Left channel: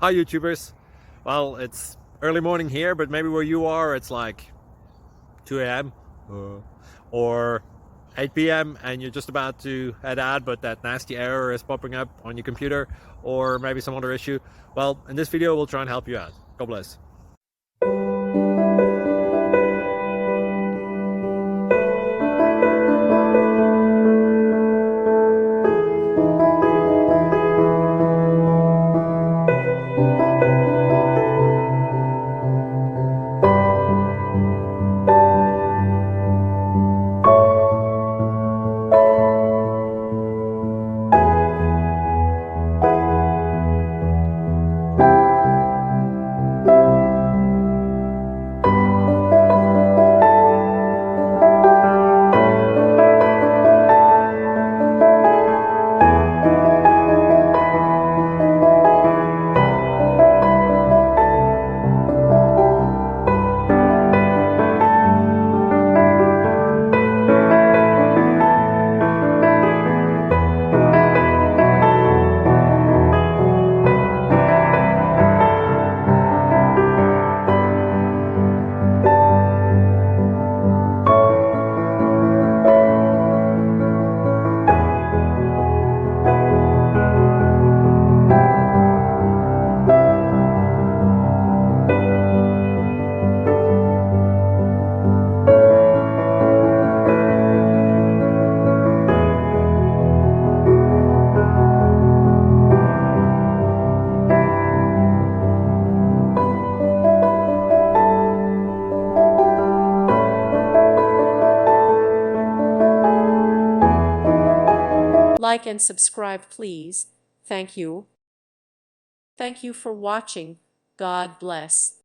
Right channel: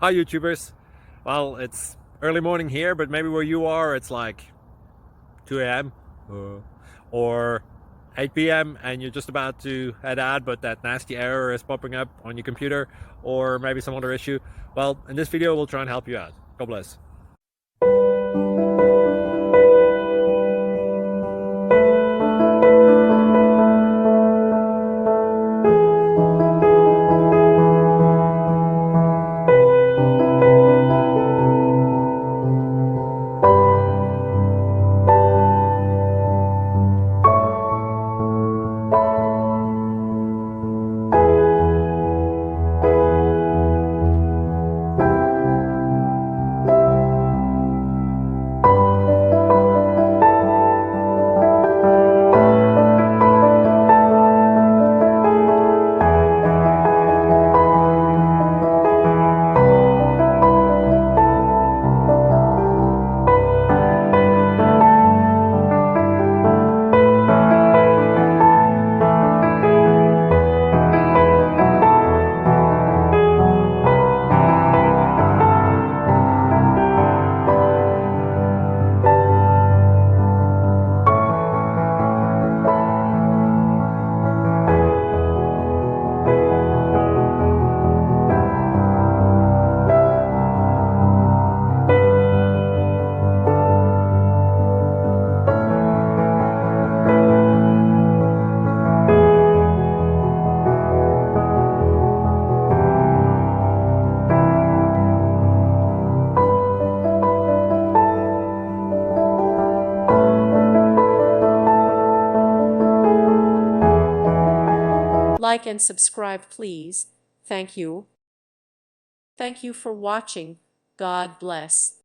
Hi YouTubers. Well, it's early morning here, but maybe where you are it's like 2 a.m. or 8 p.m. and you're just about to head out, but that nasty error is popping up on your computer, or maybe some other issue. Well, in this video we'll try and help you out. God bless. Like and subscribe, please. Thank you. Thank you for watching. God bless.